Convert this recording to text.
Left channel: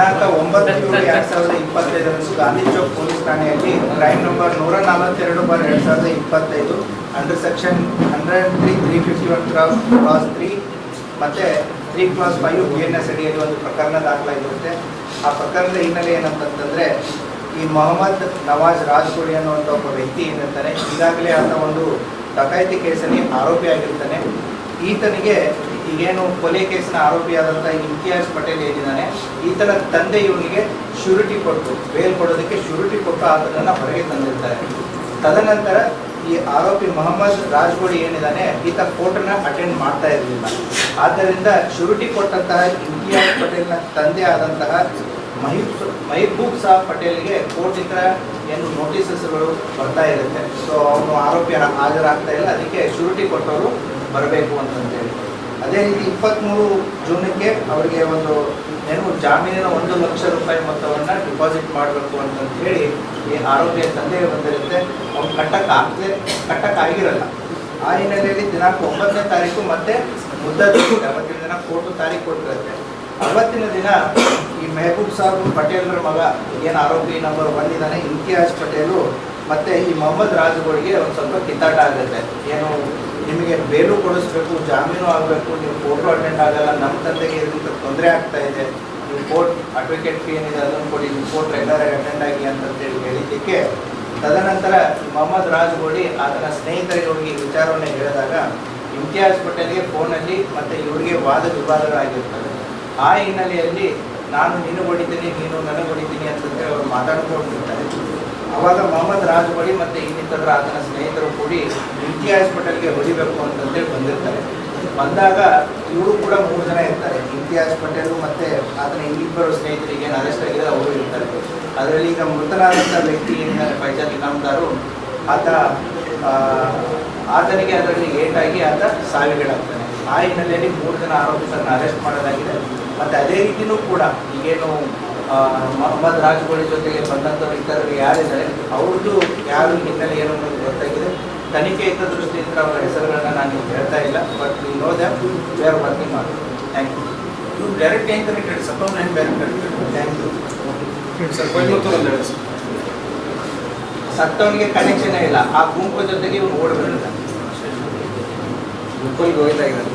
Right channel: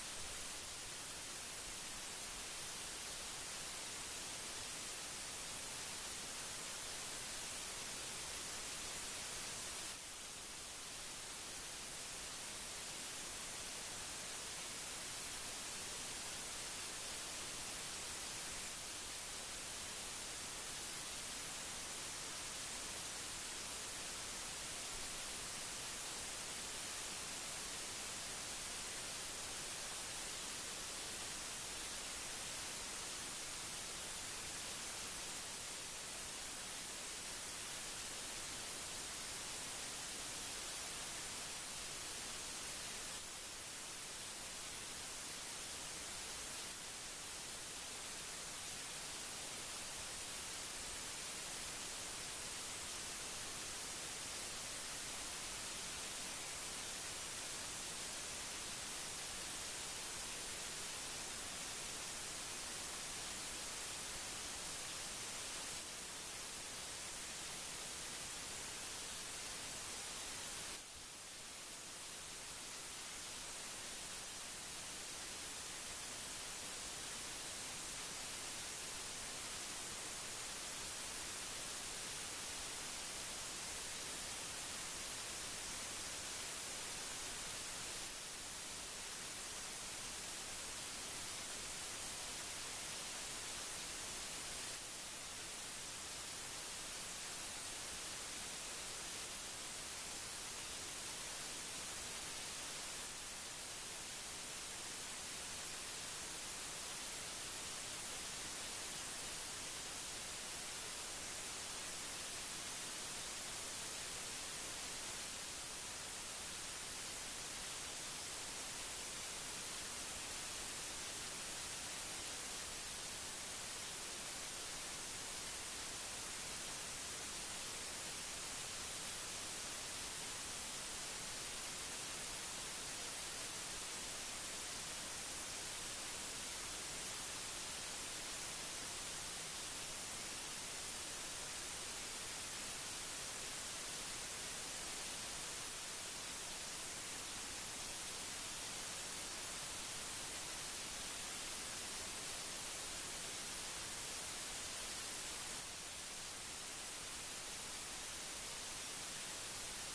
ದಿನಾಂಕ 9/7/2025 ಗಾಂಧಿ ಚೌಕ್ ಪೊಲೀಸ್ ಠಾಣೆಯಲ್ಲಿ crime number 142/2025 under section 103, 351 class 3 ಮತ್ತು 3 ಕ್ಲಾಸ್ 5 BNS ಅಡಿಯಲ್ಲಿ ಒಂದು ಪ್ರಕರಣ ದಾಖಲಾಗಿರುತ್ತೆ. ಆ ಪ್ರಕರಣದ ಹಿನ್ನೆಲೆ ಏನಂತಂದರೆ, ಈ ಮೊಹಮ್ಮದ್ ನವಾಜ್ ರಾಜ್ಕೋಡಿ ಅನ್ನುವಂಥ ಒಬ್ಬ ವ್ಯಕ್ತಿ ಏನಿರ್ತಾನೆ, ಈಗಾಗಲೇ ಆತ ಒಂದು ಡಕಾಯಿತಿ ಕೇಸಲ್ಲಿ ಆರೋಪಿಯಾಗಿರ್ತಾನೆ. ಈತನಿಗೆ ಈಗೇನು ಕೊಲೆ ಕೇಸಿನ ಆರೋಪಿಯಾದಂಥ ಇಮ್ತಿಯಾಜ್ ಪಟೇಲ್ ಏನಿದ್ದಾನೆ, ಈತನ ತಂದೆ ಇವನಿಗೆ ಶ್ಯೂರಿಟಿ ಕೊಟ್ಟು, ಬೇಲ್ ಕೊಡೋದಕ್ಕೆ ಶ್ಯೂರಿಟಿ ಕೊಟ್ಟು ಆತನನ್ನು ಹೊರಗೆ ತಂದಿರ್ತಾರೆ. ತದನಂತರ ಈ ಆರೋಪಿ ಮೊಹಮ್ಮದ್ ರಾಜ್ಕೋಡಿ ಏನಿದ್ದಾನೆ, ಈತ ಕೋರ್ಟನ್ನು ಅಟೆಂಡ್ ಮಾಡ್ತಾ ಇರಲಿಲ್ಲ. ಆದ್ದರಿಂದ ಶ್ಯೂರಿಟಿ ಕೊಟ್ಟಂತಹ ಇಮ್ತಿಯಾಜ್ ಪಟೇಲ್ನ ತಂದೆ ಆದಂತಹ ಮಹಿಬೂಬ್ ಸಾಬ್ ಪಟೇಲ್ಗೆ ಕೋರ್ಟಿಂದ ಏನು ನೋಟಿಸಸ್ಗಳು ಬರ್ತಾ ಇರುತ್ತೆ. ಸೊ ಅವನು ಆರೋಪಿ ಹಾಜರಾಗ್ತಾ ಇಲ್ಲ, ಅದಕ್ಕೆ ಶ್ಯೂರಿಟಿ ಕೊಟ್ಟವರು ಬರಬೇಕು ಅಂತಂತೇಳಿ. ಅದೇ ರೀತಿ 23 ಜೂನಕ್ಕೆ ಅವರಿಗೆ ಒಂದು ಜಾಮೀನಿನ 1 ಲಕ್ಷ ರೂಪಾಯಿ ಮೊತ್ತವನ್ನು ಡಿಪಾಸಿಟ್ ಮಾಡಬೇಕು ಅಂತಂತ ಹೇಳಿ ಈ ಆರೋಪಿಯ ತಂದೆ ಬಂದಿರುತ್ತೆ. ಅವ್ನು ಕಟ್ಟಕ್ಕಾಗಿರಲ್ಲ. ಆ ಹಿನ್ನೆಲೆಯಲ್ಲಿ ದಿನಾಂಕ 9ನೇ ತಾರೀಕು ಮತ್ತೆ ಮುದ್ದದಿರುತ್ತೆ. ಅವತ್ತಿನ ದಿನ ಕೋರ್ಟು ತಾರೀಕು ಕೊಟ್ಟಿರುತ್ತೆ. ಅವತ್ತಿನ ದಿನ ಈ ಮೆಹಬೂಬ್ ಸಾಬ್ ಪಟೇಲ್ರ ಮಗ ಏನು ಆರೋಪಿ ನಂಬರ್ 1 ಇದ್ದಾನೆ, ಇಮ್ತಿಯಾಜ್ ಪಟೇಲು ಮತ್ತು ಈ ಮೊಹಮ್ಮದ್ ರಾಜ್ಗೋಡಿಗೆ ಒಂದು ಸ್ವಲ್ಪ ಕಿತ್ತಾಟ ಆಗುತ್ತೆ. ಏನು, ನಿಮಗೆ ಬೇಲು ಕೊಡಿಸ್ಬೇಕು, ಜಾಮೀನು ಆಗಬೇಕು, ನೀವು ಕೋರ್ಟು ಅಟೆಂಡ್ ಆಗಲ್ಲ, ನಮ್ಮ ತಂದೆಗೆ ಇದರಿಂದ ತೊಂದರೆ ಆಗ್ತಾ ಇದೆ, ನೀವು ಕೋರ್ಟ್ ಅಡ್ವೊಕೇಟ್ ಫೀ ಏನಿದೆ ಅದನ್ನು ಕೊಡಿ, ನೀವು ಕೋರ್ಟ್ ರೆಗ್ಯುಲರಾಗಿ ಅಟೆಂಡ್ ಆಗಿ ಅಂತಂತೇಳಿ ಹೇಳಿದ್ದಕ್ಕೆ ತದನಂತರ ಮೊಹಮ್ಮದ್ ರಾಜ್ಗೋಡಿ ಆತನ ಸ್ನೇಹಿತರಿಗೆ ಹೋಗಿ ವಿಚಾರವನ್ನು ಹೇಳಿದಾಗ ಇಮ್ತಿಯಾಜ್ ಪಟೇಲ್ಗೆ ಫೋನಲ್ಲಿ ಮತ್ತು ಇವರಿಗೆ ವಾದ ವಿವಾದಗಳಾಗಿರ್ತದೆ. ಆ ಹಿನ್ನೆಲೆಯಲ್ಲಿ ನಾನು ನಿನಗೆ ಹೊಡಿತೀನಿ, ನೀನು ನನಗೆ ಹೊಡಿತೀನಿ ಅಂತಂದರೆ ಅವರು ಮಾತಾಡ್ಕೊಂಡಿರ್ತಾರೆ. ಆವಾಗ ಮೊಹಮ್ಮದ್ ರಾಜ್ಗೋಡಿ ಮತ್ತು ಇನ್ನಿತರ ಆತನ ಸ್ನೇಹಿತರು ಕೂಡಿ ಇಮ್ತಿಯಾಜ್ ಪಟೇಲ್ಗೆ ಹೊಡಿಬೇಕು ಅಂತಂದೇಳಿ ಬಂದಿರ್ತಾರೆ. ಬಂದಾಗ ಇವರು ಕೂಡ 3 ಜನ ಇರ್ತಾರೆ. ಇಮ್ತಿಯಾಜ್ ಪಟೇಲು ಮತ್ತು ಆತನ ಇನ್ನಿಬ್ಬರು ಸ್ನೇಹಿತರಿಗೆ ಏನು ಅರೆಸ್ಟ್ ಆಗಿದೆ ಅವರು ಇರ್ತಾರೆ. ಅದರಲ್ಲಿ ಈಗ ಮೃತನಾದಂಥ ವ್ಯಕ್ತಿ ಏನಿದ್ದಾರೆ ಫೈಜಾಲ್ ಇನಾಮ್ದಾರು, ಆತನಿಗೆ ಅದರಲ್ಲಿ ಏಟಾಗಿ ಆತ ಸಾವಿಗೀಡಾಗ್ತಾನೆ. ಆ ಹಿನ್ನೆಲೆಯಲ್ಲಿ 3 ಜನ ಆರೋಪಿತರನ್ನು ಅರೆಸ್ಟ್ ಮಾಡಲಾಗಿದೆ. ಮತ್ತು ಅದೇ ರೀತಿಯೂ ಕೂಡ ಈಗೇನು ಮೊಹಮ್ಮದ್ ರಾಜ್ಗೋಡಿ ಜೊತೆಗೆ ಬಂದಂಥವ್ರು ಇತರರು ಯಾರಿದ್ದಾರೆ ಅವ್ರದ್ದು ಯಾರು ಹಿನ್ನೆಲೆ ಏನು ಅನ್ನೋದು ಗೊತ್ತಾಗಿದೆ. ತನಿಖೆ ಇದ್ದ ದೃಷ್ಟಿಯಿಂದ ಅವರ ಹೆಸರುಗಳನ್ನ ನಾನು ಹೇಳ್ತಾ ಇಲ್ಲ. But we know that we are working on. Thank you. You direct and connected, suppose and connected. Thank you. ಸತ್ತವನಿಗೆ ಕನೆಕ್ಷನ್ ಇಲ್ಲ, ಆ ಗುಂಪು ಜೊತೆಗೆ ಇವನು ಓಡಬೇಕು. ಗುಂಪಲ್ಲಿ ಹೋಗ್ತಾ ಇದ್ದಾರೆ.